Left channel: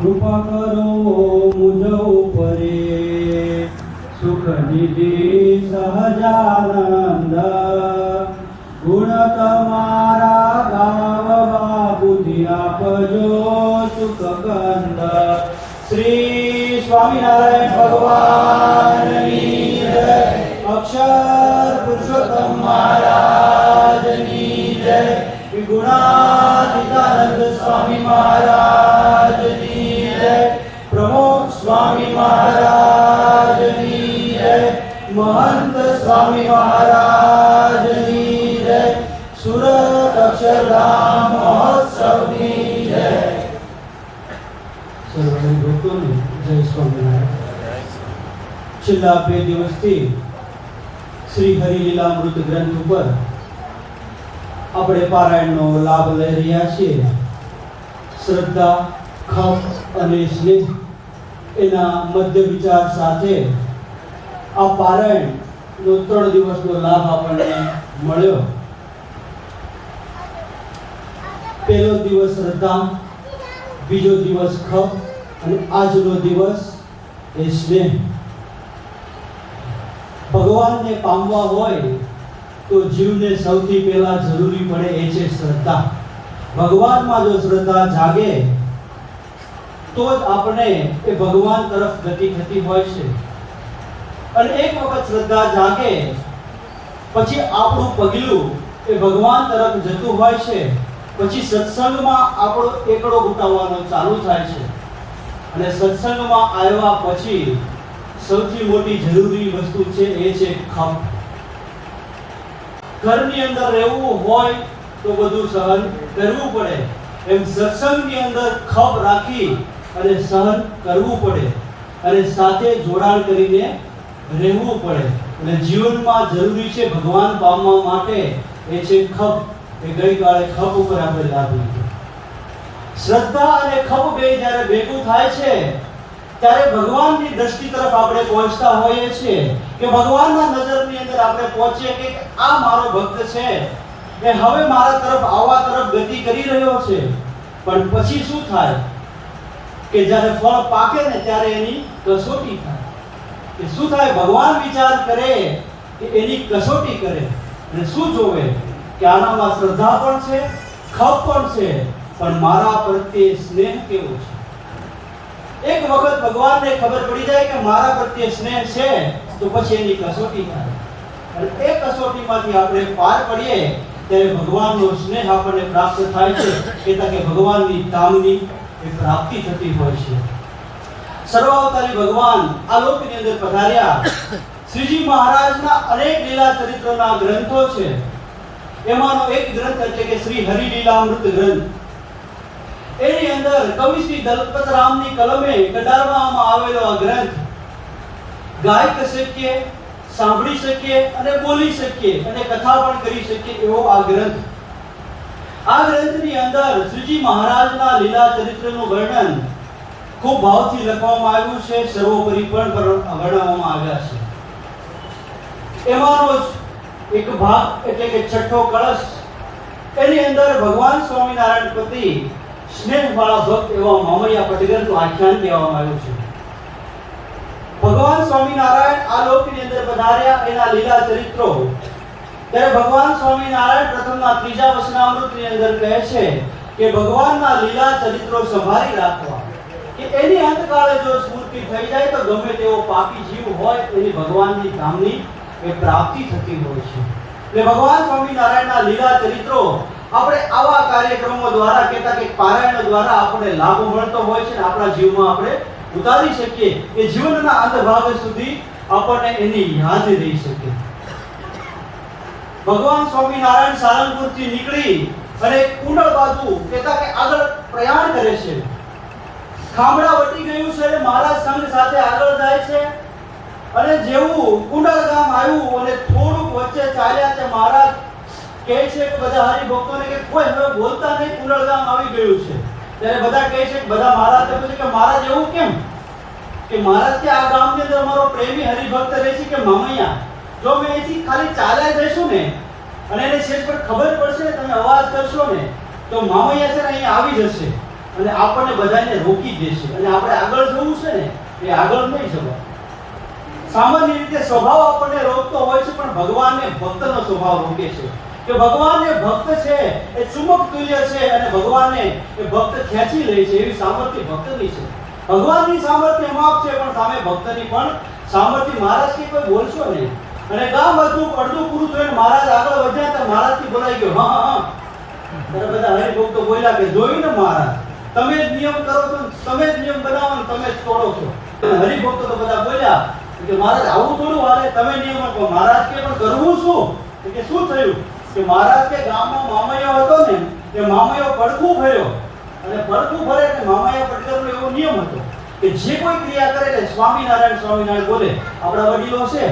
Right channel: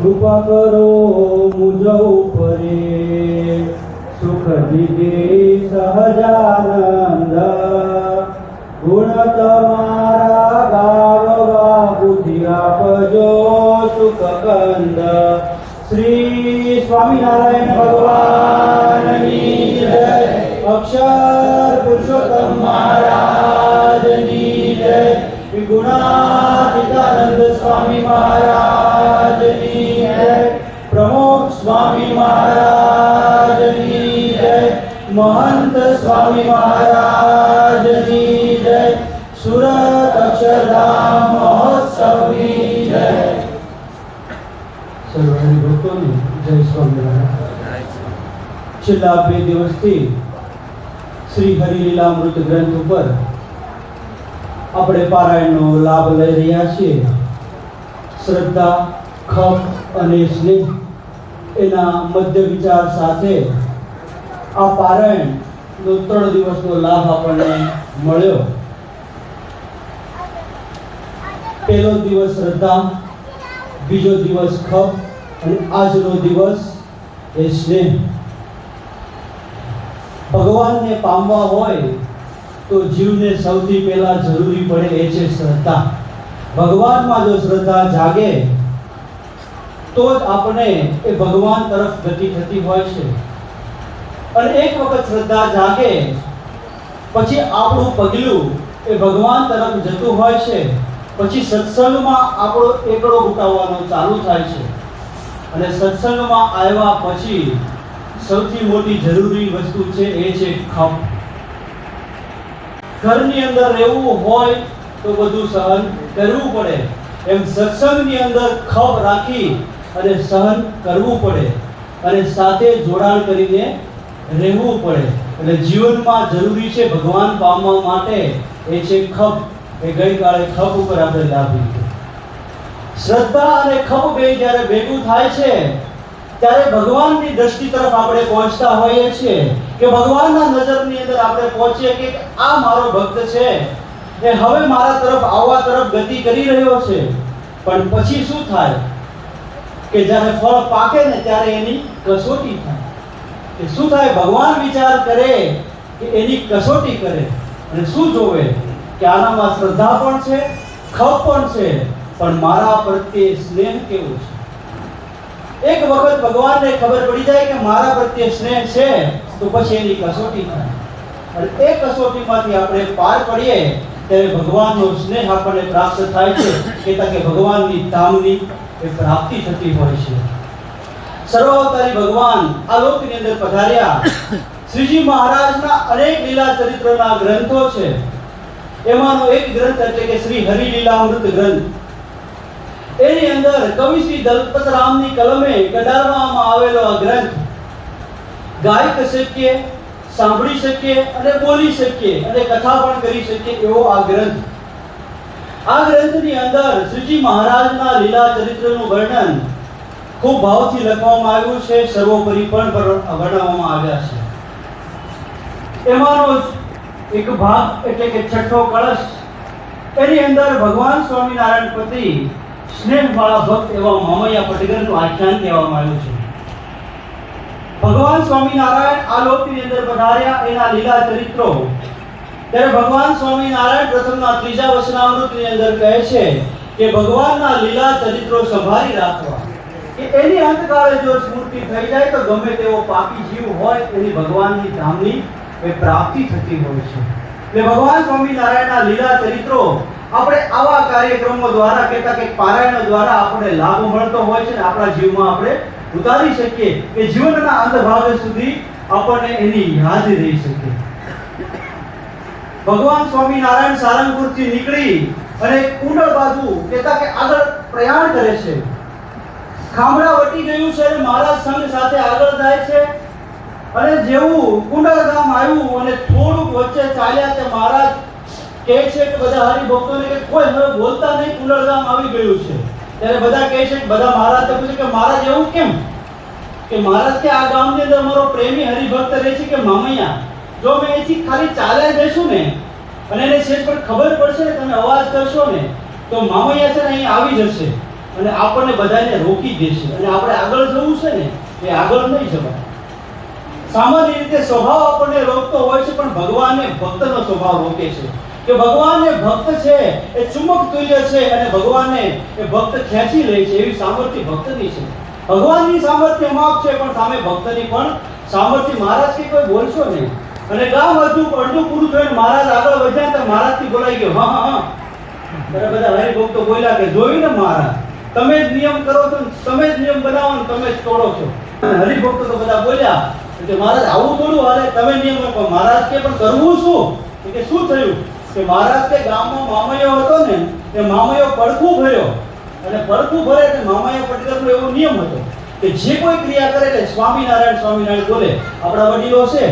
કૃપા કરો મુજ ઉપરે સુખ દીધી સહજાનંદ ગુણ તમારા ગાવવા બુદ્ધિ આપજો સુખ કંદ શ્રી સ્વામિનારાયણ ભગવાનની જય અક્ષર છેલ્લા બે દિવસથી શ્રી હરિલીલામૃત ગ્રંથ ઉપર આપણે પારાયણનો લાભ લઈ રહ્યા છીએ શ્રદ્ધા ખપ અને સ્નેહ એના મધ્ય વિચાર સાથે આ પારાયણ ત્રણ દિવસનો લાભ આપણને મળ્યો. પહેલો દિવસ શ્રદ્ધા, બીજો દિવસ ખપ, અને આજનો દિવસ એ સ્નેહ. ભગવાનને પામવા હોય તો જીવને સૌથી પહેલા જરૂરી પડે એ છે શ્રદ્ધા. ભગવાનમાં જો શ્રદ્ધા જાગે, તો જ આપણે એ ભગવાન તરફ ગતિ થતી હોય છે. અને એક વખત શ્રદ્ધા જાગે, પછી આપણું પગલું એ ભગવાન તરફ જતું હોય છે, પછી સત્સંગમાં આપણો એકડો ઉટાવવાનો ચાલુ થાય છે. અને સત્સંગમાં આવ્યા પછી સૌથી મોટી જરૂરી વસ્તુ છે એ છે ખપ ઘરની અંદર રહેવું હોય તો બધું સહન કરવું પડે. એમ સત્સંગની અંદર ખપ રાખી અને સહન કરવું પડે. અને સાથે જોડાણ કરીને રહેવું પડે. એટલે જીવનમાં જરૂરી છે ભગવાન પામવા માટે એ છે ખપ. એ ગઈકાલે ખપ ઉપર આપણે લાભ લીધો શ્રદ્ધા અને ખપ બે જ્યારે ભેગું થાય છે, ત્યારે ભગવાનની દ્રષ્ટિ તરફ આપણે પહોંચતા હોઈએ છીએ કે ભગવાનના નજરની અંદર આપણે પહોંચીએ કે આ મારો ભક્ત છે. એ હવે મારા તરફ આવવા તરફ ગતિ કરી રહ્યો છે. પણ પછી શું થાય? કે જ્યારે ફળ પાકે ને ત્યારે એની કસોટી થાય. કે શું થાય? ભગવાન વિચાર કરે કે એની કસોટી કરે અને શું જોવે? કે આનામાં શ્રદ્ધા પણ છે, ખપ પણ છે, પણ મારા પ્રત્યે સ્નેહ કેવો છે? એક વખત ભગવાનને ખબર પડી જાય કે મારા પ્રત્યે સ્નેહ છે, તો પછી એની કસોટી થાય. અને એ કસોટીમાંથી આપણે પાર પડીએ, ત્યારે ભગવાનનો સ્નેહ આપણને પ્રાપ્ત થાય છે કે ભગવાનની તામની એ પ્રાપ્તિ થતી હોય છે. સર્વાવતારી ભગવાન આ લોકની અંદર પધાર્યા. શ્રીજી મહારાજના અનેક લીલા ચરિત્રના ગ્રંથો છે. એમાંનો એક ગ્રંથ એટલે કે શ્રી હરિલીલામૃત ગ્રંથ. એની અંદર કવિ શ્રી દલપતરામની કલમે કડારવામાં આવેલો આ ગ્રંથ. ગાઈ શકીએ સાંભળી શકીએ અને બોલી શકીએ અને કથા પણ કરી શકીએ એવો આ ગ્રંથ. આ ગ્રંથની અંદર શ્રીજી મહારાજના લીલા ચરિત્રનું વર્ણન ખૂબ ભાવથી લખવામાં આવ્યું છે, સર્વોપરી પણ વર્ણવવામાં આવ્યા છે. એમાંનો એક ભાગ એટલે કે છઠ્ઠો કળશ, એની અંદર ભગવાન સ્વામિનારાયણ પ્રતિ સ્નેહવાળા ભક્ત એવા મામૈયા પટગરનું આખ્યાન કહેવામાં આવ્યું છે. ભગવાન સ્વામિનારાયણ આ લોકની અંદર પધાર્યા, એના લીલા ચરિત્રો. ત્યારે ભગવાન સ્વામિનારાયણ પ્રથમના ત્રીજા વચનામૃતની અંદર કહે છે કે ભગવાનના લીલા ચરિત્રો સંભાળી રાખવા. કે એની અંતકાળે જો સ્મૃતિ થઈ જાય તો ગમે તેવો પાપી જીવ હોય, એની ભગવાનની ધામની એ પ્રાપ્તિ થતી હોય છે. એટલે ભગવાન સ્વામિનારાયણના લીલા ચરિત્રો આપણે આવા કાર્યક્રમો દ્વારા કહેતા કે પારાયણ દ્વારા આપણે લાભ મળતો હોય છે આપણા જીવમાં આપણે ઉતારી શકીએ કે જીવનના અંતભાગ સુધી આપણને એની યાદ રહી શકે. ભગવાન સ્વામિનારાયણ સારંગપુરથી નીકળી અને કુંડળ બાજુ કહેતા કે આગળ પ્રયાણ કરે છે. ખામડા વટી ગયું છે મહારાજ સંઘ સાથે આગળ જાય છે. અને જેવું કુંડળ ગામ આવ્યું અને થોડુંક વચ્ચે ચાલ્યા તે મહારાજ કહે છે કે બધા હરિભક્તોને કે કોઈ હવે બોલતા નહીં કુંડળ ગામ આવી ગયું છે. ત્યારે બધા કહે છે કે બધા મહારાજને પૂછે કે મહારાજ, એવું કેમ? કે મહારાજ કે આ ગામની અંદર મારો પ્રેમી હરિભક્ત રહે છે કે મામૈયા? જો મેં એથી ખાલી ચાલ્યા જઈશું ને, અને એને છેક પર ખબર પડશે ને તમે અવાજ કરશો ને, તો મામૈયા છે ને અહીંયા આવી જશે. અને આપણને બધાને રોકી દેશે અને આપણે આગળ જવું છે ને, એ આગળ નહીં જવા સામાન્ય રીતે સ્વભાવ આપણને રોકતો હોય છે, પણ ભગવાનને ભક્તનો સ્વભાવ રોકે છે. કે ભગવાન ભક્ત છે, એ ચુંબક તુલ્ય છે, અને ભગવાનને એ ભક્ત ખેંચી લે છે, એવી સામર્થ્ય ભક્તની છે. ભગવાનની સામર્થ્ય માફ છે, પણ સામે ભક્તની પણ સામર્થ્ય મહારાજ કે કોઈ બોલશો નહીં. અને ગામ અડધું અડધું પૂરું થયું મહારાજ આગળ વધ્યા, તો મહારાજથી બોલાઈ ગયો, હા હા બધા હરિભક્તો બોલ્યા કે, જોયું ને મહારાજ? તમે જ નિયમ કરો છો તમે જ નિયમ બનાવો તમે જ તોડો છો. હરિભક્તો તો બધા બોલ્યા કે મહારાજ આવું થોડું હારે તમે નિયમ બનાવો મહારાજ કે, પણ કરવું શું? તો કે શું થયું? કે મહારાજ કે, ગામનો મામયો હતો ને, એ મામયો પડખું ભર્યો. અને પડખું ભરે એટલે મામયા પટેલનો એવો નિયમ હતો કે જે કોઈ ક્રિયા કરે એટલે સ્વામિનારાયણ સ્વામિનારાયણ બોલે. આપણા વડીલો છે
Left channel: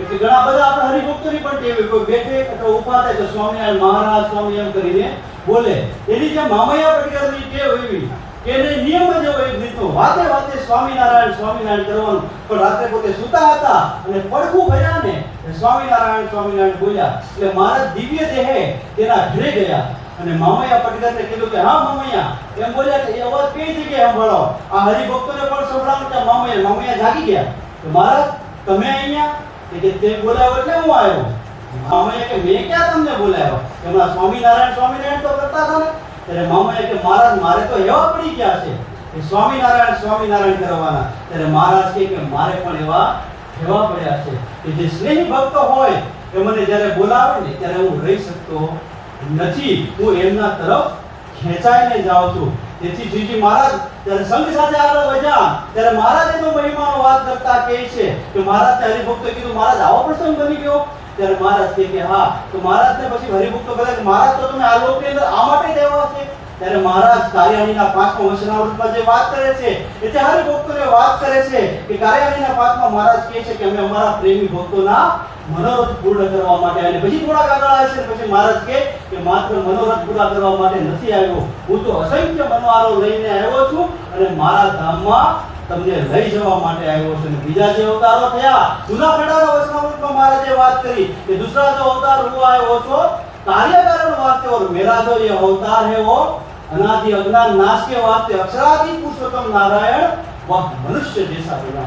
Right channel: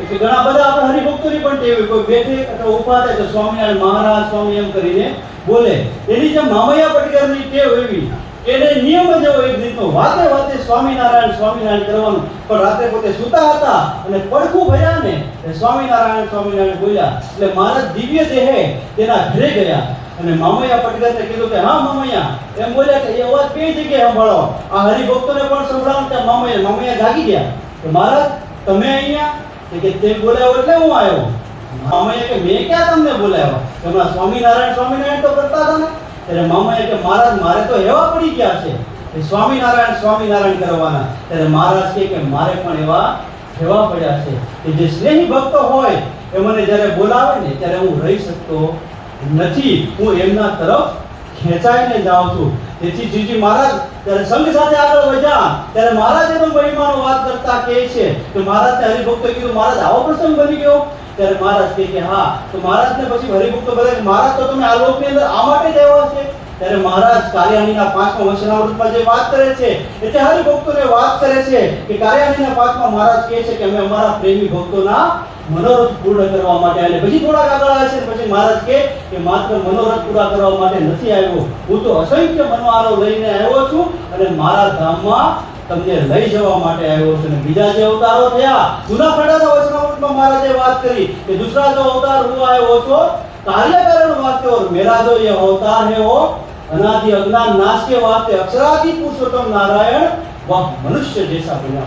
એટલે ઘણા બધા આપણે હરિભક્તોની પણ ટેવ કોઈ બેઠે અથવા ઊભા થાય તો સ્વામિનારાયણ મહારાજ, સ્વામી એમ કરીને બોલે. એની જેમ મામૈયા પટકરની ટેવ એવી એને નિયમ જ એવો એક રીતનો વાતે વાતે સ્વામિનારાયણ સ્વામિનારાયણ કરવાનું. પણ રાતે પોતે સૂતા હતા અને પડખું ભર્યા ને સ્વામિનારાયણ સ્વામિનારાયણ બોલ્યા. એટલે મારા દિવ્ય દેહે તેના ઘરે ગયા. અને મામૈયા પટકરને કીધું કે, હા, મામૈયા. એમ બોલ્યા કે, એ અવાજ કઈ જગ્યાએ સંભાળો આ હરિભક્તોને પણ સંભળાવો કે મામૈયા મામૈયા જાગી ગયા. કે મહારાજ, તમે અહીંયા કે તે બોલાવ્યો એટલે હું આવ્યો. મામાએ કે, મેં ક્યાં તમને બોલાવ્યો એમાં સ્વામિનારાયણ સ્વામિનારાયણ તો કરતા હતા ને. ત્યારે મામાએ કે, મહારાજ, મારે તો એવા પડી ગયા છે કે સ્વામિનારાયણ સ્વામિનારાયણ કરવાના. ત્યારે મહારાજ કે, મારે પણ એવા એવા પડ્યા છે કે જે સ્નેહી ભક્તો હોય એ મને જ્યારે બોલાવે ને, ત્યારે હું રહી શકતો નથી. હું એમના તરફ ખેંચાઈને જાઉં છું. તેથી જીજી મહારાજ ત્યારે સંઘ સાથે આગળ વધ્યા. ત્યારે મહારાજે પણ મહિમાનો વાત કરતા કહે છે કે મહારાજને હરિભક્તોએ કીધું, મહારાજ, આવો પ્રસંગ બની ગયો. ત્યારે મહારાજ કહે કે, હા. તો મહારાજને પછી હરિભક્તો કે, મહારાજ, તો તમે આ લોકની અંદર આ માટે જ છે? ત્યારે મહારાજ કાર્યાણીના પાંચમા વચનામૃતમાં જે વાત કરે છે, એટલે હરિભક્તોને વાત કરે છે કે કાર્યાણીના પાંચમા મહારાજ કહે છે કે, અમે અમારા પ્રેમી ભક્તોના મનોરથ પૂર્ણ કરવા માટે અને પછી થોડાક આગળ આવે છે પછી મહારાજ કે કે માત્ર મનોરથ પૂરા કરવા માટે નથી આવ્યો. હું તો અસંખ્ય મનોહારો લઈને આવ્યો છું અને મારા ધામમાં તમને લઈ જવા માટે આવ્યો છું. અને બીજા જે અવતારો થયા, જૂના પડ્યાના વચનામૃતમાં મહારાજે વાત કરી કે દુસરા તો અવતાર હું આવ્યો તો કાર્ય વાતે વાસ્તે ઓર મેરા જો એ અવતાર હે વો અનાદि અજ્ઞાન નાશ કે વાતે અક્ષરાદિ પુરુષોત્તમ નારાયણ, વહ, મનુષ્ય જૈસા બના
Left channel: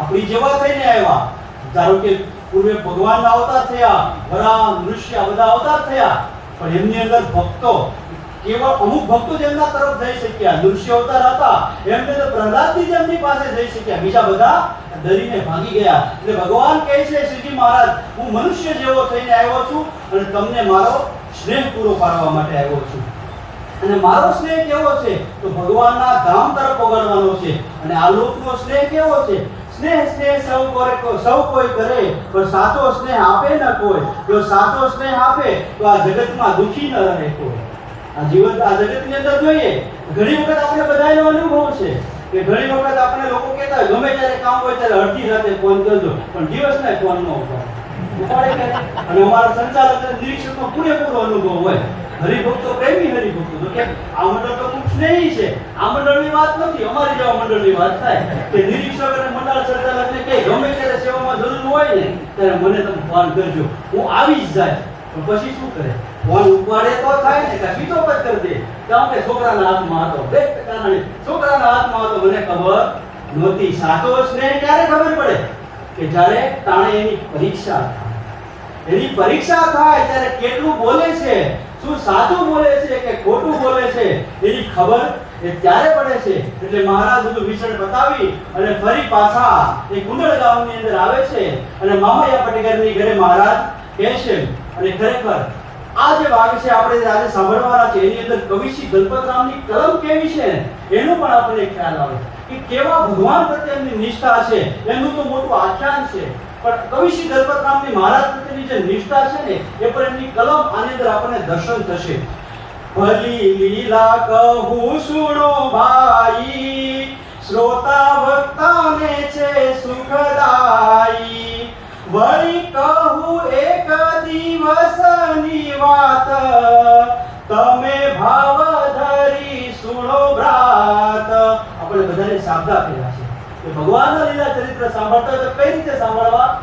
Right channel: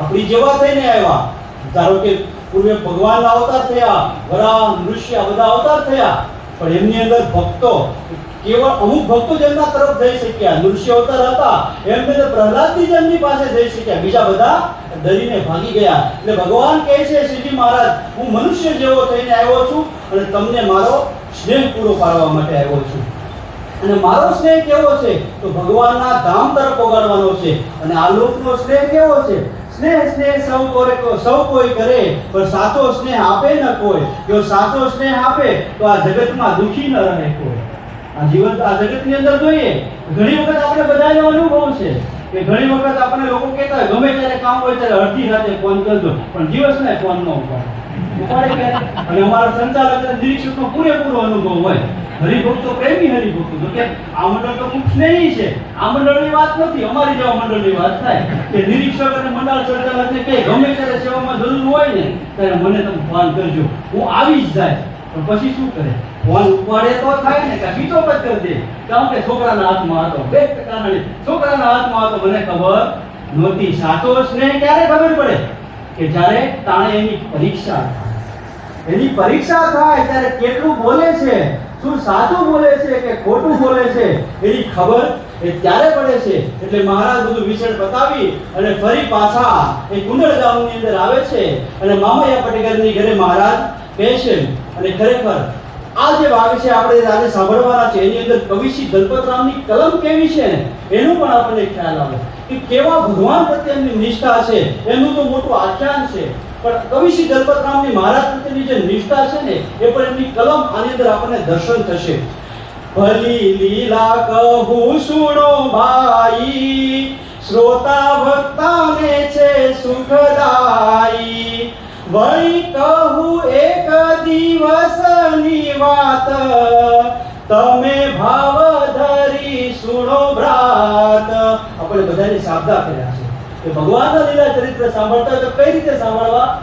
આપણી જેવા થઈને આવ્યા. ધારો કે પૂર્વે ભગવાન અવતાર થયા વરા મનુષ્ય, બધા અવતાર થયા. પણ એમની અંદર ભક્તો, કેવળ અમુક ભક્તો જ એમના તરફ જઈ શક્યા. નૃષ્ય અવતાર હતા, એમને તો પ્રહલાદજી એમની પાસે જઈ શક્યા. બીજા બધા ડરીને ભાગી ગયા. એટલે ભગવાન કહે છે શ્રીજી મહારાજ, હું મનુષ્ય જેવો થઈને આવ્યો છું અને તમને મારો સ્નેહ પૂરો પાડવા માટે આવ્યો છું. અને મારો સ્નેહ કેવો છે? તો ભગવાનના ધામ તરફ ઓગાડવાનો છે. અને આ લોકનો સ્નેહ કેવો છે? સ્નેહ સ્નેહ સૌ કોઈ સૌ કોઈ કરે, પણ સાચો સ્નેહ આપે ન કોઈ. જો સાચો સ્નેહ આપે, તો આ જગતમાં દુખી ન રહે કોઈ. આ જીવન આ જગતની અંદર જોઈએ, ઘણી વખત આપણે બધાનો અનુભવ છે કે ઘણી વખત આપણે લોકો કહેતા ગમે ત્યારે કામ હોય ત્યારે અડધી રાતે ફોન કરજો, પણ દિવસને ફોન ન ઉપાડે. અને અમારા સંચાલક નિરીક્ષકનો પૂરેપૂરો અનુભવ હોય. હરિભક્તો પ્રેમી હરિભક્તો. કે આ મંડળ તો ખૂબ સ્નેહી છે. આ મંડળની વાત નથી. અમારી જેવા મંડળની વાત થાય. કે નિરીક્ષક અને મંડળ સંચાલકને કે ગમે ત્યારે સેવામાં જરૂર હોય ને, ત્યારે મને તમે ફોન કરજો. હું આવી જ જાય. પણ પછી શું કરે? ફોન ઉપાડે તો થાય ને, કે બીજો જ કરી દે? કારણ કે છોકરાના હાથમાં હતો. બે ટકા છોકરાના હાથમાં હતો, મને ખબર નહોતી. સાચો સ્નેહ ક્યારે ખબર પડે? કે જ્યારે તાણે એની પરીક્ષા એની પરીક્ષા થાય ત્યારે કેટલું બોલે છે? શું સાચું બોલે છે કે ખોટું બોલે છે? એની ખબર એ ત્યારે પડે છે. એટલે મહારાજ બધું વિચરણ બતાવી અને ફરી પાછા એ કુંડળ ગામની અંદર આવે છે. અને મામૈયા પટેકરની ઘરે મહારાજ કહે છે અને ખરેખર આ જે ભાગ છે આપણે આજે સાંભળવાના છે, એની અંદર કવિશ્રી દલપતરામની કલમ કેવી છે એનું પણ આપણને ખ્યાલ આવે કે કેવા ભગવાન પ્રત્યેની નિષ્ઠા છે, એનું તો મોટું આખ્યાન છે. પણ કવિશ્રી દલપતરામની મહારાજ પ્રત્યેની જે નિષ્ઠા છે ને, એ પણ એમની કલમ આની અંદર આપણને દર્શન થશે. ભલી લીલા કહું, સુણો ભાઈ, શ્રોતા ભક્તાને છે સુખદાઈ વળી સાબદા કર્યા છે. કે ભગવાનના લીલા ચરિત્ર સાંભળતા તો કઈ રીતે સાંભળવા?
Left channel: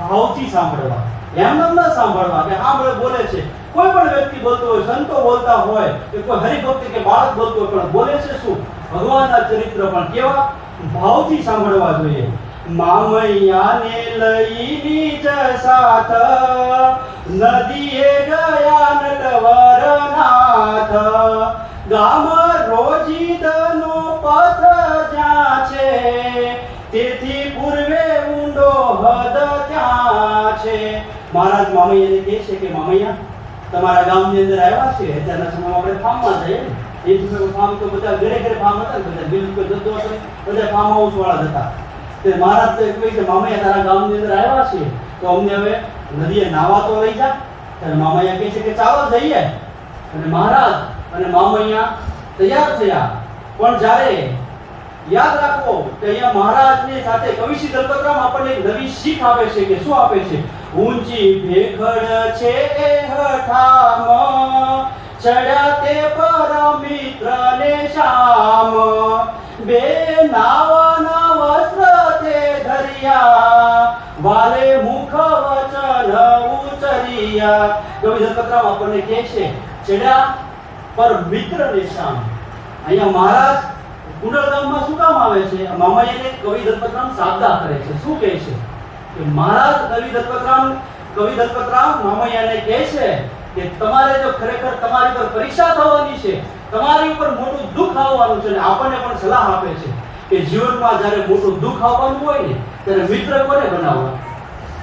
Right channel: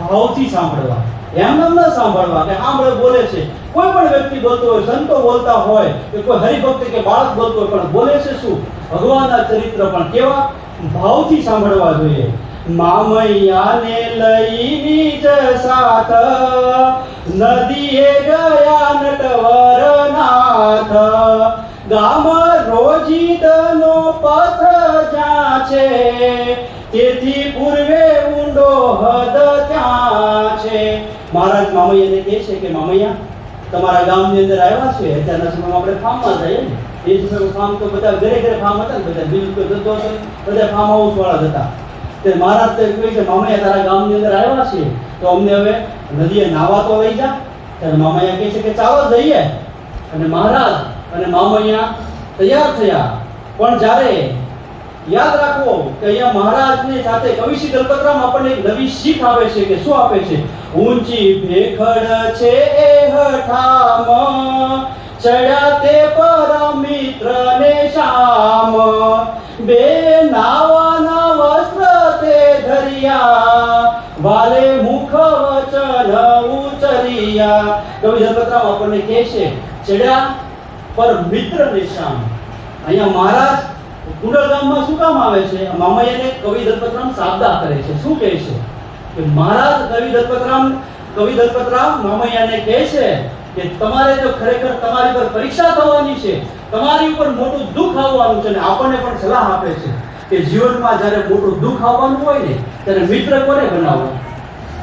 ભાવથી સાંભળવા. એમ ન સાંભળવા કે આમ બોલે છે. કોઈ પણ વ્યક્તિ બોલતો હોય, સંતો બોલતા હોય, કે કોઈ હરિભક્ત કે બાળક બોલતો હોય, પણ બોલે છે શું? ભગવાનના ચરિત્ર પણ કેવા? ભાવથી સાંભળવા જોઈએ. મામૈયાને લઈ જ સાથ નદીએ ગયા નટવર નાથ ગામ છે? તેથી પૂર્વે ઊંડો હદ ત્યાં છે. મહારાજ મામૈયાને કહે છે કે, મામૈયા, તમારા ગામની અંદર આવ્યા છે? અત્યારના સમયમાં આપણે ફાર્મમાં જઈએ એ સમયમાં ફાર્મ તો બધા ઘરે ઘરે ફાર્મ હતા ને, બધા બિલકુલ જતો હતો બધા ફાર્મ હાઉસ વાળા હતા. તે મહારાજ તો કહે છે, મામૈયા, તારા ગામની અંદર આવ્યા છે? તો અમને હવે નદીએ નાવા તો લઈ જા. ત્યારે મામૈયા કહે છે કે, ચાલો જઈએ. અને મહારાજ અને મામૈયા તૈયાર થયા. પણ જ્યારે યાદ રાખવો કે અહીંયા મહારાજની સાથે કવિશ્રી દલપતરામ આપણને એક નવી શીખ આપે છે કે શું આપે છે? ઊંચી ભેખડ છે એ હઠામ ચડ્યા તે પરમિત્ર ને શામ, બે નાવાના વસ્ત્ર તે ધરિયા, વાલે મુખ વચન ઉચરિયા. કવિ દલપતરામ આપણને કહે છે, ચડ્યા પર મિત્ર ને શામ. અહીંયા મહારાજ કુંડળ ગામમાં શું કામ આવે છે? મામૈયાને કવિ દત્તરામ સાબદા કરે છે. શું કહે છે? કે મહારાજ કવિ દત્તરામ કવિ દત્તરામ મામૈયાને કહે છે કે તમારે જો ખરેખર તમારી પર પરીક્ષા થવાની છે. તમારી ઉપર મોટું દુઃખ આવવાનું છે અને આપણને પણ સલાહ આપે છે કે જીવનમાં જ્યારે મોટું દુઃખ આવવાનું હોય ને, ત્યારે મિત્ર કોને બનાવવા?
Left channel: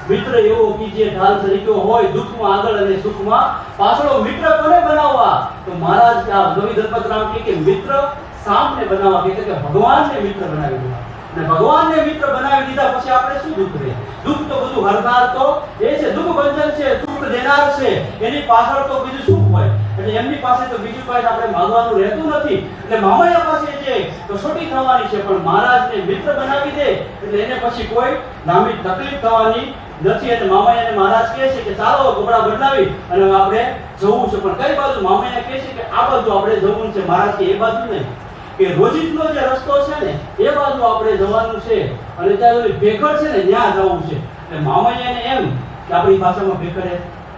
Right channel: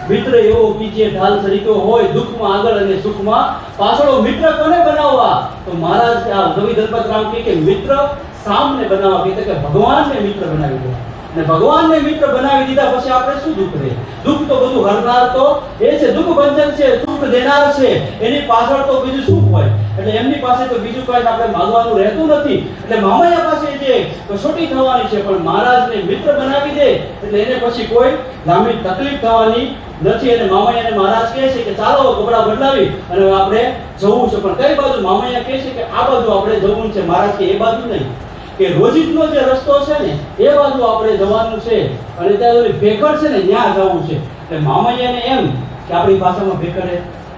મિત્ર એવો કીજે ઢાલ તરીકે હોય, દુઃખમાં આગળ અને સુખમાં પાછળ મિત્ર કોને બનાવવા? તો મહારાજ કવિ દત્તરામ કે મિત્ર સામને બનાવવા કહે કે ભગવાનને મિત્ર બનાવી દેવા. અને ભગવાનને મિત્ર બનાવી દીધા પછી આપણે શું દુઃખ રહે? દુઃખ તો બધું હરનાર તો એ છે દુઃખ બંધન છે, સુખ દેનાર છે, એની પાછળ તો બીજું સુખ હોય. એટલે એમની પાસે તો બીજું કઈ આપણે માંગવાનું રહેતું નથી. એટલે મામાયા પાસે જે કસોટી થવાની છે, પણ મહારાજને મિત્ર બનાવી દે, એટલે એને પછી કોઈ લાંબી તકલીફ થવાની નથી. અને મામૈયાને મહારાજ કહે છે કે ચાલો કપડા બદલાવી અને આપણે જવું છે. પણ કઈ બાજુ? મામાયા કહે છે કે આ બાજુ આપણે જવું છે. મહારાજ કે એ બાજુ નહીં. કે રોજિતનો જે રસ્તો છે ને, એ બાજુ આપણે જવાનું છે અને ત્યાં ભેખડ છે ને, ત્યાં જવું છે. એટલે મામૈયાને એમ કે આપણી ભાષામાં ભેખડે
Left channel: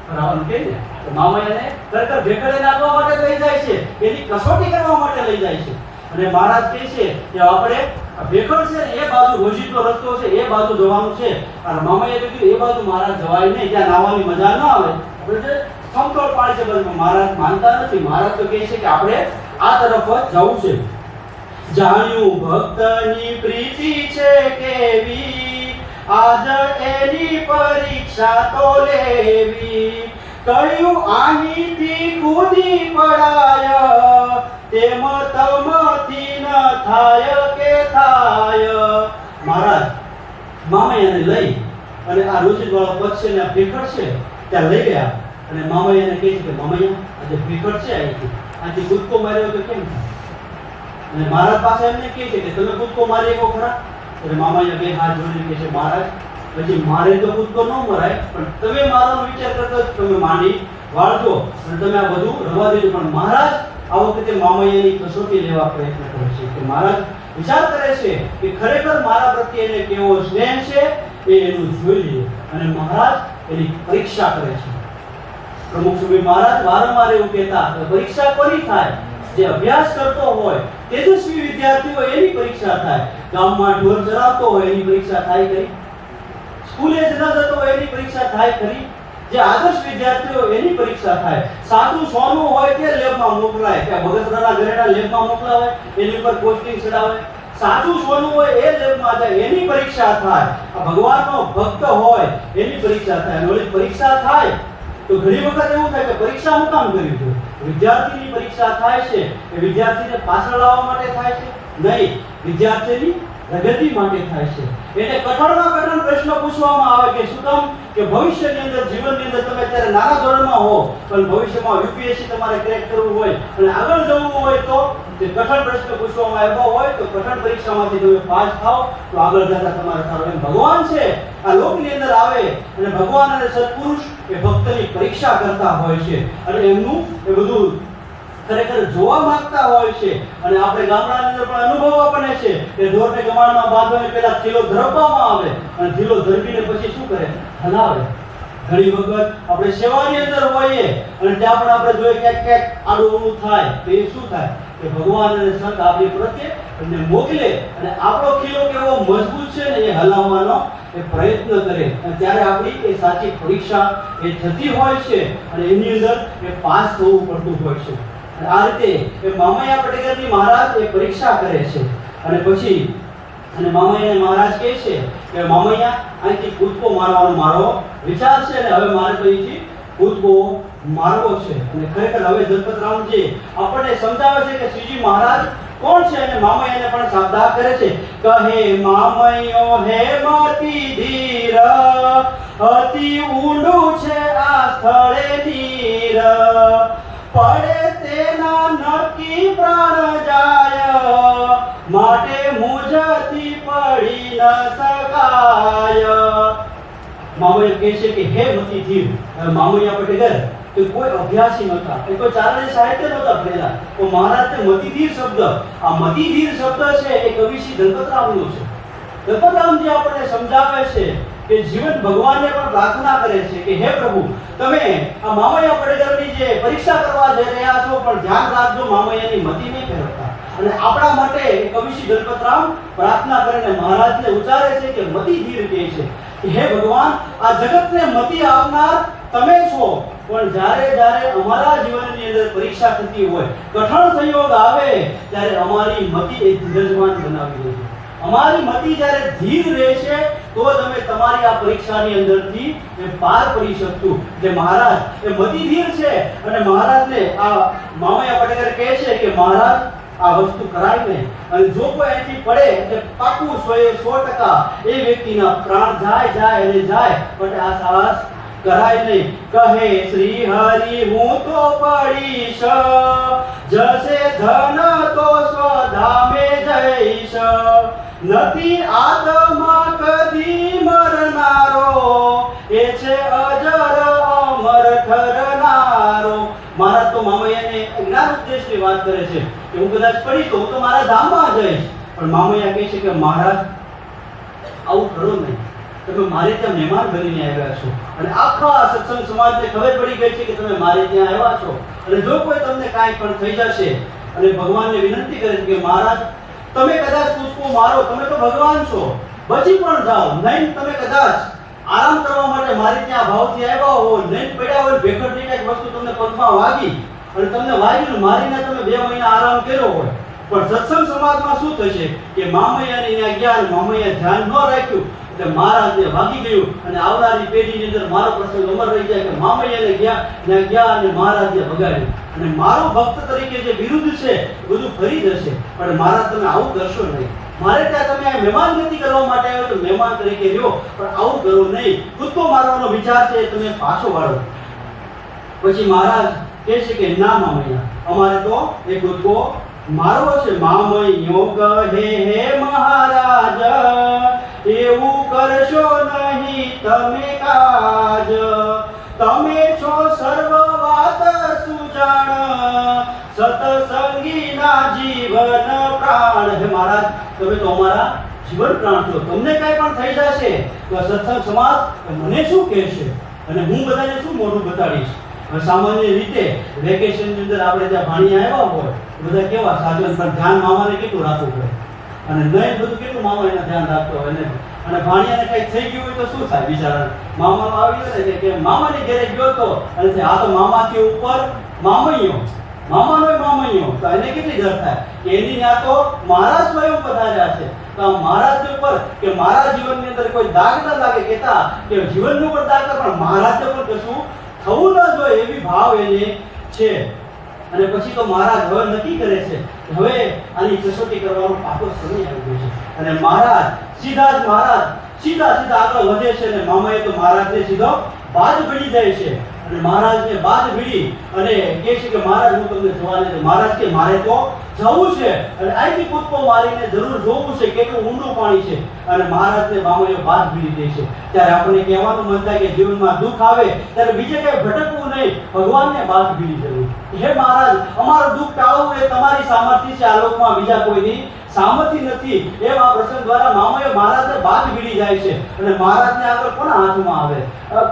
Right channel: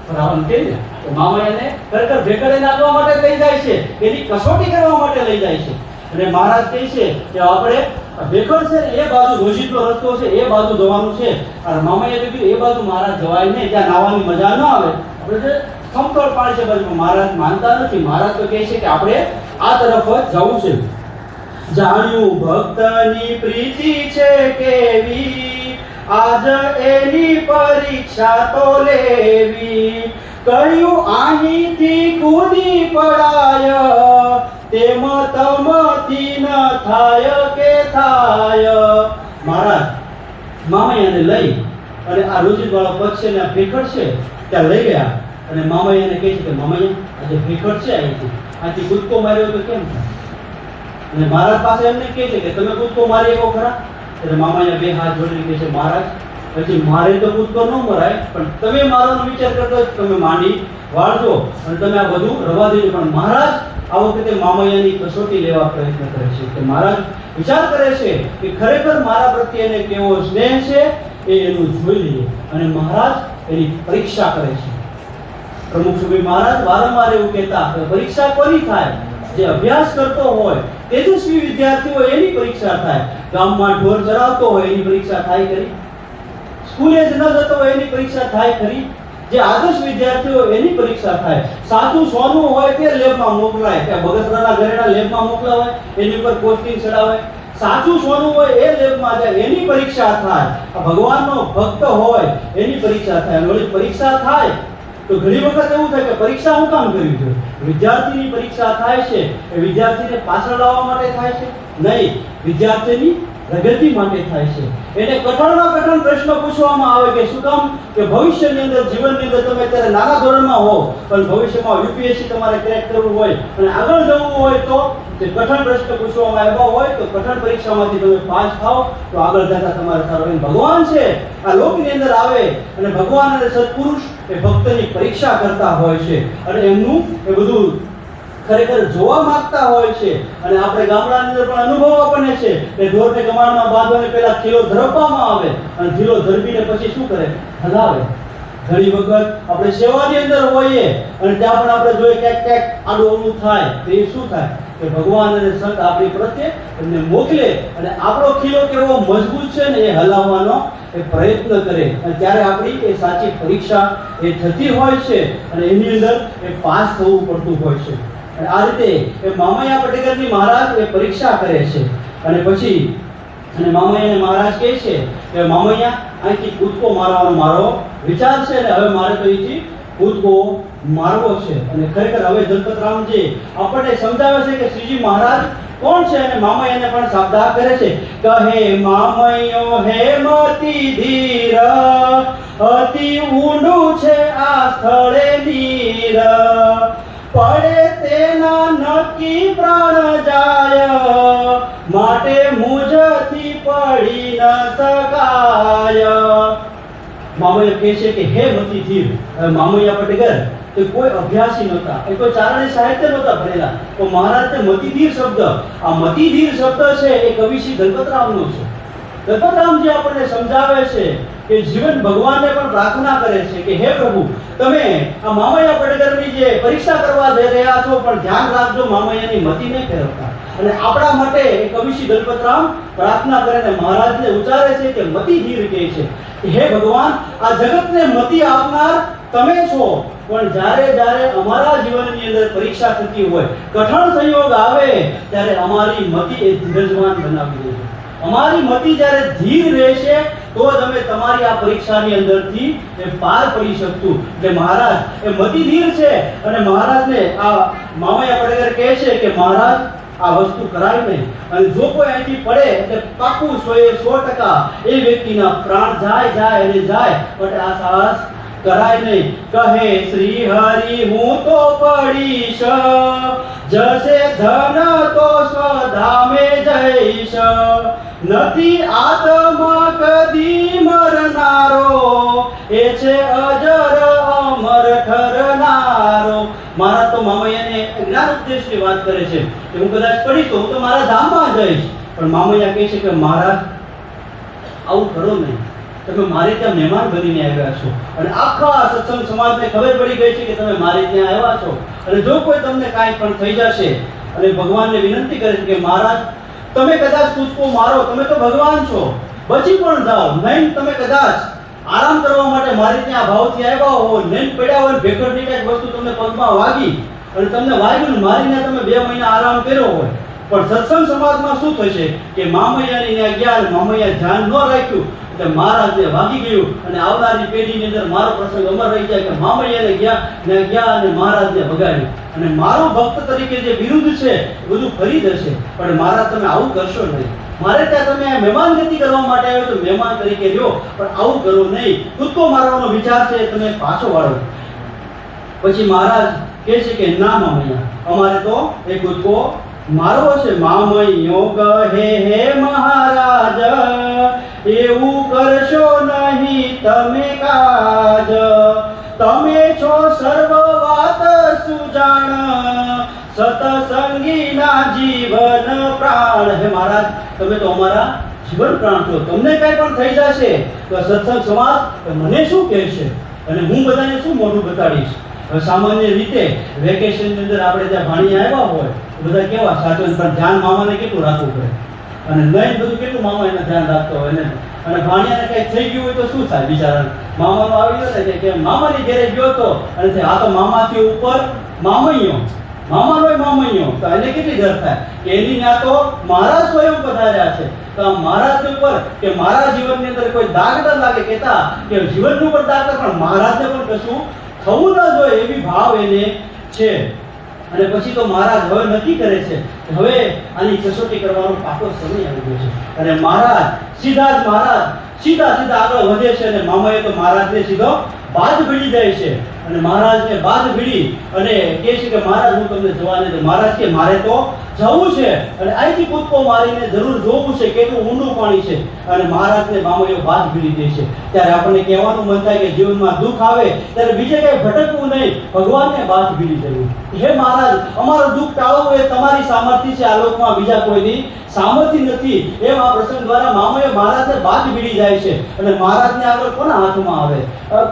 ફરાવાનું કહે ને, તો મામૈયાને ખરેખર ભેખડે નાખવા માટે લઈ જાય છે. એની કસોટી કરવા માટે લઈ જાય છે. અને મહારાજ કહે છે કે આપણે ભેખડ છે એ બાજુ રોજિતનો રસ્તો છે, એ બાજુ જવાનું છે. અને મામાએ કીધું એ બાજુ મહારાજ જવાય નહીં, ત્યાં નાવાની મજા ના આવે. આપણે સમતોળ પાડે છે બાજુ મહારાજ માનતા નથી. મહારાજ તો કહે છે કે આપણે આ તરફ જવું છે. જાણ્યું ભક્તની પ્રીતિ છે કેવી? આજ એની પરીક્ષા તો લેવી. કહ્યું અહીંથી કૂદી પડાય? તેમ તમથી ન થાય કે થાય? મહારાજ, મામૈયાને લઈ અને આ રોજિત વાળો પક્ષ ને આ છે, ત્યાં લઈ ગયા. અને મામૈયાને કહે છે કે, મામૈયા, આજે ભેખડ છે અહીંથી આથી કૂદકો માર્યો તો કેમ થાય? અને મહારાજ પાસે એમને કહે છે કે તમે કૂદકો મારી શકો ખરા? એટલે મામાયા બે હાથ જોડીને કહે છે, મહારાજ પછી મારે તો કૂદકો ન મરાય, પણ તમે મારો વિચાર કરતો તમે માંડી વાળજો અને તમે આ બધું રવા દેજો. પણ મહારાજ આ વખતે મામાયાની કસોટી લેવા પ્રયત્ન કરે છે કે મહારાજ વિચાર કરે છે કે ખરેખર મારા પ્રત્યે એને કેવો સ્નેહ છે એ એનું જોઈ લે અને મહારાજ એની પરીક્ષા કરે છે. પ્રમુખ સુભાઈ મહારાજ વારંવાર એવું કહેતા કે પરીક્ષા કોની થાય? જે અભ્યાસ કરતો હોય તેજસ્વી વિદ્યાર્થીઓ એની પરીક્ષા થાય. ગામમાં ઢોર ચરાવતો હોય એની પરીક્ષા થાય કરી સ્કૂલે જ ન જતો હોય એની પરીક્ષા થાય કરી જે આદર્શ વિદ્યાર્થીઓ એની પરીક્ષા થાય. સાચું સોનું હોય તે લેબમાં મોકલાય. કે બગસરાના ઘરેણા લેબમાં મોકલાવાય, એની ઉપર કોચિંગ ચડાવાય. સાચું સોનું હોય એ લેબમાં જાય, એની પરીક્ષા થાય. ભગવાનનો ભક્ત હોય, એની પરીક્ષા થાય. નોલેજ પરીક્ષા થાય તો ઘણી વખત એવું થાય કે પરીક્ષા હું કામ કરવી જોઈએ? વિદ્યાર્થીની પરીક્ષા થાય છે, એ વિદ્યાર્થીને પાછળ લાવવા માટે થાય છે? નહીં, વિદ્યાર્થીની પ્રગતિ માટે થાય છે. એને કઠણમાં કઠણ પ્રશ્ન પૂછવામાં આવે કે શું કામ? કે ભવિષ્યની અંદર, જીવનની અંદર તમે અત્યારે નાના ધોરણમાં હો, પણ ભવિષ્યમાં યુપીએસસી તમારે ક્રેક કરવું હોય અને આગળ જવું હોય તો જે કઠણ પ્રશ્ન પૂછવામાં આવ્યા હોય તો કઠણ પરીક્ષામાંથી તમે પાસ થાવ તો આગળ જતા તમારે સારું એમ ભગવાન છે. આ લોકની અંદર આવે અને ભગવાન અને સત્પુરુષ એ ભક્તની પરીક્ષા કરતા હોય છે. અને એમનું એ બધું ખરેખર જોવા માંગતા હોય છે. અને આપણે ગામડાની અંદર પણ અનુભવ આપણને છે કે ઢોરને કમાણમાં બાંધવાને પહેલા ખીલો ધરપવામાં આવે. અને ખીલો ધરપીને પછી શું કરે? હલાવે. ઘણી વખત આપણે સેવાની અંદર હોઈએ અને ત્યાં પણ આપણે જોઈએ ક્યાંક ક્યાંક આડું અવળું થાય તો એ શું થાય? કે ભગવાન અને સંત આપણી પ્રત્યે એમને મોકલે અને આપણો ખીલો કેવો મજબૂત છે ને એ હલાવવાનો એ પ્રયત્ન કરે. અને ત્યારે આપણી એ સાચી પરીક્ષા એ થતી હોય છે અને એની અંદર એ પાસ થવું પડતું હોય છે. અને આ રીતે એ મામૈયા પટેકરની મહારાજ એ પરીક્ષા કરે છે. અને પછી અને મામૈયાને મહારાજ કહે છે કે મામૈયા, અહીંથી કૂદકો મારવાનો મારો વિચાર છે અને હવે મારે તો અહીંથી કૂદકો મારવો છે. અને ખરેખર હવે દલપતરામજી આપણને સમજાવે છે કે શ્રીજી મહારાજ કોણ છે અને મામૈયાને પણ સાબદા કરે છે? કહે, મામૈયો, હે મતી ધીર. અતિ ઊંડું છે આ સ્થળે નીર. પડે તેના નક્કી પ્રાણ જાય. માટે મુજથી પડી ન શકાય. મામૈયા કહે છે કે, હે મતી ધીર. મામૈયા પટેકર એ કોઈ અભ્યાસી નહોતા. એ કોઈ ચારણે સાહિત્ય નહોતા ભણેલા. તો મહારાજને મતિધીર શબ્દ, આ મતિધીર શબ્દ છે એ કવિશ્રી દલપતરામનો છે. દલપતરામજી આપણને સમજાવે છે કે જીવન ભગવાનને પણ પ્રાર્થના કરે છે કે હે પ્રભુ, તમે આ મામૈયા પટેકરની જે પરીક્ષા કરવા જઈ રહ્યા છો, પણ ધ્યાન રાખજો મામૈયાની મતિ નહીં ફેરવતા. અને આપણા માટે કવિશ્રી દલપતરામ પ્રાર્થના કરીને મહારાજને ઉચ્ચારે છે કે મતિ ધીર કહે છે હે ભગવાન, આ જગતને મતિ આપનાર તમે છો. પણ જ્યારે જ્યારે અમારા જીવનની અંદર પરીક્ષા થતી હોય, કઠણ સંયોગ આવે, ત્યારે અમારી મતિ એ ધીરજવાન બનાવી દે અમારી મતિ જ્યારે ધીર રહેશે, તો તમે તમારી આ પરીક્ષાની અંદરથી એ પાર પડી શકતું જે મહારાજ, એ મતિ ધીર છે, અને મહારાજને આ મામૈયા પટેકર કહે છે કે, મહારાજ, આ વસ્તુ કરાય નહીં. અને જો કોઈ અહીંથી પડે, એટલે પાકું સો એ સો ટકા એ વ્યક્તિના પ્રાણ જાય જાય અને જાય. પણ આ સાહસ કરાય નહીં. કહે શ્રી હરિ હું તો પડીશ. જશે ધન તો સ્વધામે જઈશ. નથી આત્મા કદી મરનારો. એ છે અજર અમર ઠરનારો મારા તો મામૈયાને જ્ઞાન ઉદ્દેશની વાત કરે છે કે હું કદાચ પડી તો હું તો મારા ધામમાં જઈશ. પણ મામૈયા કહે છે કે, મારા, આવું કરો નહીં. તમે મારે ત્યાં મહેમાન બનીને આવ્યા છો. અને આખા સત્સંગ સમાજને ખબર પડી ગઈ છે કે તમે મારે ત્યાં આવ્યા છો. અને જો કોઈ તમને કાંઈ પણ થઈ જશે, અને ભગવાનને વિનંતી કરે કે મહારાજ, તમે કદાચ કૂદકો મારો, તમે તો ભગવાન છો. બચી પણ જાઓ. નહીં, તમે કદાચ આરામ કરવા માટે મારી ત્યાં ભાવથી આવ્યા હો. નહીં, પડ્યા હોય ભેખડની કાંઈક વસ્તુ તમને પગમાં વાગી. અને તમને વાગ્યું ને મારીને તમે બે મહિના આરામ કર્યો હોય. પણ સત્સંગ સમાજમાં શું થશે? કે મામૈયાની ત્યાં ગયા અને મામૈયા ધ્યાન ન રાખ્યું. એટલે જે ભાગી ગયું અને આવનારી પેઢીની અંદર મારો પ્રસંગ અમર રહી જાય કે મામૈયાને ગયા ને ગયા અને મહારાજને બગાડ્યું અને મારો ભક્ત તરીકે જે વિરુદ્ધ છે બધું ફરી જશે પણ મારા તમે આવું કરશો નહીં. મારે ત્યાં તમે આ મહેમાન ગતિ કરવા માટે આવ્યો તો મહેમાન તરીકે રહ્યો, પણ આવું કરો નહીં. કૂદકો મારવાનો વિચાર છે તમે પાછો વાળો. પછી મહારાજ કહે છે કે, ના મામૈયા, અમારે તો એ કૂદકો મારવો છે. મામૈયો કહે હે મહારાજ એવું કરશો નહીં તમે કાજ. તમે છો સર્વ વાત સુજાણ. સતસંગીના જીવન પ્રાણ. હે મહારાજ, તમે તો અમારા જીવન પ્રાણ છો. તમને કઈ પણ થઈ જશે તો સત્સંગ સમાજ મને શું કહેશે? અને હું બધાને શું મોઢું બતાડીશ? સામાન્ય રીતે વેકેશનની અંદર આપણે ત્યાં ભાણી આવ્યા હોય બધા કેવા સાચો પણ ધ્યાન મામાને કેટલું રાખવું પડે? અને નહીં બધું કેટલું મામા એનું ધ્યાન રાખતો હોય ને? અને ભાણિયાને કઈ થઈ ગયું હોય તો શું થાય? બિચારા મામાનો આવ્યો ને કે- મામાની ઘેરે ગયો તો, અને આ તો મામાથી ઉપર મામૈયો. મામાનો મામૈયો. તો એને કેટલી ડર થાય? એની ત્યાં તો મારા સ્વયં પધાર્યા છે. તો મહારાજ ઉપર કે મારા જીવનની અંદર કોઈ દાગ ન લાગે કેતા કે જીવનનું પણ દાગ પણ મહારાજને પણ કશું થવું ન જોઈએ એવી ભાવ એને છે. અને પછી તો મહારાજ હવે નક્કી કરે છે હવે આની કસોટી કરવાનો પાકો સમય આવી ગયો છે. અને મહારાજ સીધા જ મહારાજ, સીધા સીધા આગળ વધે છે અને મામાએ તો મહારાજને સીધો બાદ ભીડી જાય છે. અને મહારાજને બાદ ભીડી અને કહે છે કે મહારાજ, હું તમને જવા દે મહારાજ કે મારે તો જવું છે. અને અહીંથી કૂદકો મારીને જરૂર જોવું છે કેટલું ઊંડું પાણી છે. અને મહારાજને મામોએ વાત ભીડી દે છે. ત્યારે આપણને કહેવાનું મન થાય કે જીવનમાં દુઃખ આવે, ત્યારે બીજે કંઈ ભટકવું નહીં. ભગવાનને વાત ભીડી જવું હે મહારાજ, અમારું દુઃખ ટાળવું એ તમારી સામર્થ્ય છે. આ લોકમાં બીજા કોઈની સામર્થ્ય નથી. એમ આ પ્રસંગ દ્વારા મામોએ મહારાજને વાત ભીડી જાય છે. અને મહારાજને આગળ કોના હાથમાં આવે?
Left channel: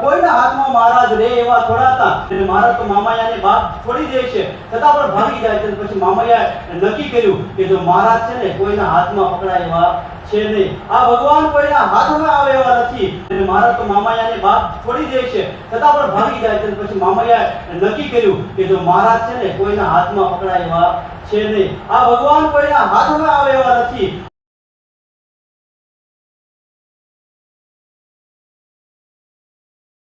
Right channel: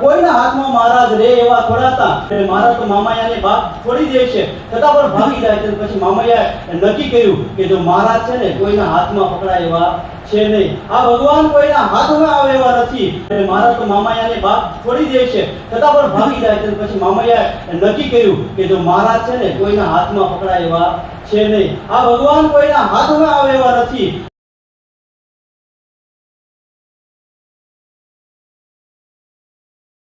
કોઈના હાથમાં મહારાજ રે એવા થોડા એટલે મહારાજ તો મામાયાની વાત છોડી દે છે. છતાં પણ ભાગી જાય છે પછી મામાયાએ નક્કી કર્યું કે જો મારા છે ને કોઈના હાથમાં પકડાય એવા છે નહીં. આ ભગવાન કોઈના હાથમાં આવે એવા નથી. મારા તો મામાયાની વાત છોડી દે છે. છતાં પણ ભાગી જાય છે પછી મામાયા નક્કી કર્યું કે જો મહારાજ છે ને કોઈના હાથમાં પકડાય એવા છે નહીં. આ ભગવાન કોઈના હાથમાં આવે નથી.